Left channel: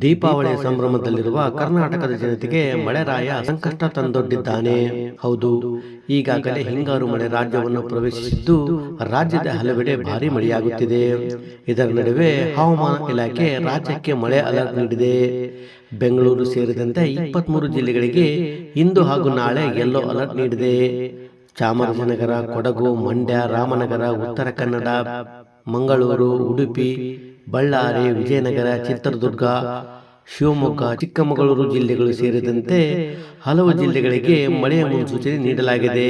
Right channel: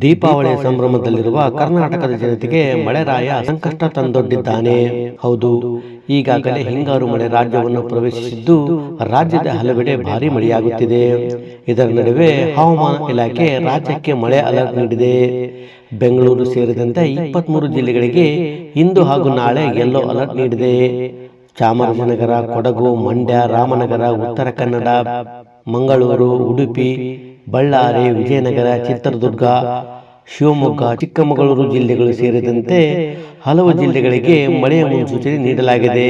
ದೀಪಾವಳಿ ಸಂಭ್ರಮದಲ್ಲಿರುವ ಕರ್ನಾಟಕದ ಜನತೆಗೆ ಮಳೆರಾಯ ಸಂಕಷ್ಟ ತಂದೊಡ್ಡಿದ್ದಾನೆ. ಹೌದು. ಈಗಾಗಲೇ ಹಿಂಗಾರು ಮಳೆ ರಾಜ್ಯವನ್ನು ಪ್ರವೇಶಿಸಿದ್ದು ರಾಜ್ಯದ ಹಲವೆಡೆ ಭಾರಿ ಮಳೆಯಾಗುತ್ತಿದೆ. ಇದರ ನಡುವೆ ಹವಾಮಾನ ಇಲಾಖೆ ರಾಜ್ಯಕ್ಕೆ ಮಳೆ ಅಲರ್ಟ್ ನೀಡಿದೆ. ಬೆಂಗಳೂರು ಸೇರಿದಂತೆ ಇಪ್ಪತ್ಮೂರು ಜಿಲ್ಲೆಗಳಿಗೆ ಇಂದು ಹಾಗೂ ನಾಳೆ ಯೆಲ್ಲೋ ಅಲರ್ಟ್ ನೀಡಿದೆ. ಚಾಮರಾಜನಗರ ಕೊಡಗು ಮಂಡ್ಯ ರಾಮನಗರ ಉತ್ತರ ಕನ್ನಡ ಮಂಗಳೂರು ಉಡುಪಿ ಬಳ್ಳಾರಿ ವಿಜಯನಗರ ಚಿತ್ರದುರ್ಗ ಶಿವಮೊಗ್ಗ ಚಿಕ್ಕಮಗಳೂರು ಜಿಲ್ಲೆಗಳು ಸೇರಿದಂತೆ ಹಲವು ಜಿಲ್ಲೆಗಳಿಗೆ ಮಳೆಯ ಮುನ್ಸೂಚನೆ ನೀಡಲಾಗಿದೆ.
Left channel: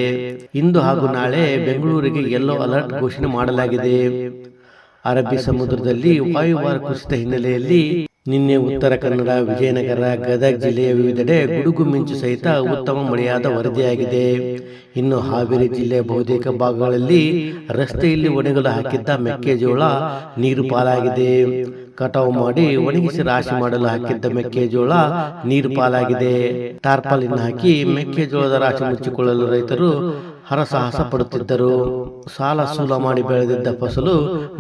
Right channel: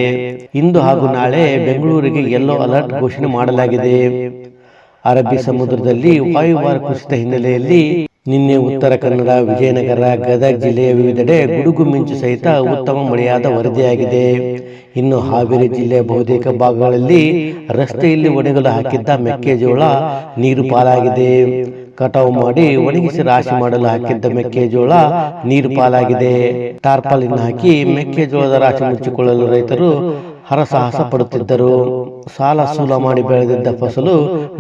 ಇಂದು ಹಾಗೂ ನಾಳೆ ಬೆಂಗಳೂರಿಗೆ ಯೆಲ್ಲೋ ಅಲರ್ಟ್ ಘೋಷಣೆ ಮಾಡಲಾಗಿದೆ. ಅರಬ್ಬಿ ಸಮುದ್ರದಲ್ಲಿ ವಾಯುಭಾರ ಕುಸಿತ ಹಿನ್ನೆಲೆಯಲ್ಲಿ ನಿನ್ನೆ ಉತ್ತರ ಕನ್ನಡ ವಿಜಯನಗರ ಗದಗ ಜಿಲ್ಲೆಯ ವಿವಿಧೆಡೆ ಗುಡುಗು ಮಿಂಚು ಸಹಿತ ಉತ್ತಮ ಮಳೆಯಾದ ವರದಿಯಾಗಿದೆ. ಇನ್ನು ಹಾವೇರಿ ಜಿಲ್ಲೆಯ ಬಹುತೇಕ ಭಾಗಗಳಲ್ಲಿ ರಸ್ತೆಯಲ್ಲಿ ಒಣಗಲು ಹಾಕಿದ್ದ ಮೆಕ್ಕೆಜೋಳ ನೀರು ಪಾಲಾಗಿದೆ. ಕಟಾವು ಮಾಡಿ ಒಣಗಿಸಿ ರಾಶಿ ಮಾಡಲು ಹಾಕಿದ್ದ ಮೆಕ್ಕೆಜೋಳ ನೀರು ಪಾಲಾಗಿದೆ. ಟಾರ್ಪಾಲಿನ ಹಾಕಿ ಮೆಕ್ಕೆಜೋಳದ ರಾಶಿ ಮುಚ್ಚಿಕೊಳ್ಳಲು ರೈತರು ಹರಸಾಹಸ ಪಡುತ್ತಿದ್ದರು ಸಾಲ ಸೂಲ ಮಾಡಿ ಬೆಳೆದಿದ್ದ ಫಸಲು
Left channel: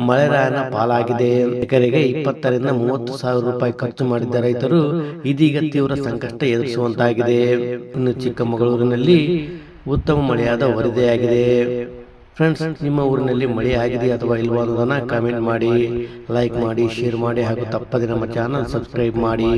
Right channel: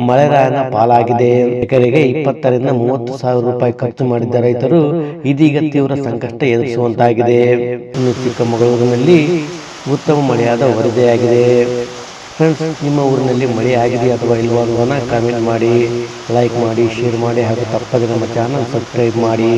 ಮಳೆರಾಯನ ಪಾಲಾಗಿದೆ. ಎಕರೆಗೆ ಇಪ್ಪತ್ತರಿಂದ ಮೂವತ್ತು ಸಾವಿರ ರೂಪಾಯಿ ಖರ್ಚು ಮಾಡಿದ್ದ ರೈತರು ಇದೀಗ ತೀವ್ರ ಸಂಕಷ್ಟ ಎದುರಿಸುವಂತಾಗಿದೆ. ಇನ್ನು ಚಿಕ್ಕಮಗಳೂರಿನಲ್ಲಿ ಉತ್ತಮ ಮಳೆಯಾದ ವರದಿಯಾಗಿದೆ. ಫ್ರೆಂಡ್ಸ್, ನಿಮ್ಮ ಊರಿನಲ್ಲಿ ಮಳೆ ಆಗಿದೆ ಅಥವಾ ಇಲ್ವಾ ಅನ್ನೋದನ್ನ ಕಾಮೆಂಟ್ ಮಾಡಿ. ಲೈಕ್ ಮಾಡಿ ಶೇರ್ ಮಾಡಿ ಹಾಗೂ ತಪ್ಪದೆ ನಮ್ಮ ಚಾನಲ್ ಸಬ್ಸ್ಕ್ರೈಬ್ ಮಾಡಿ.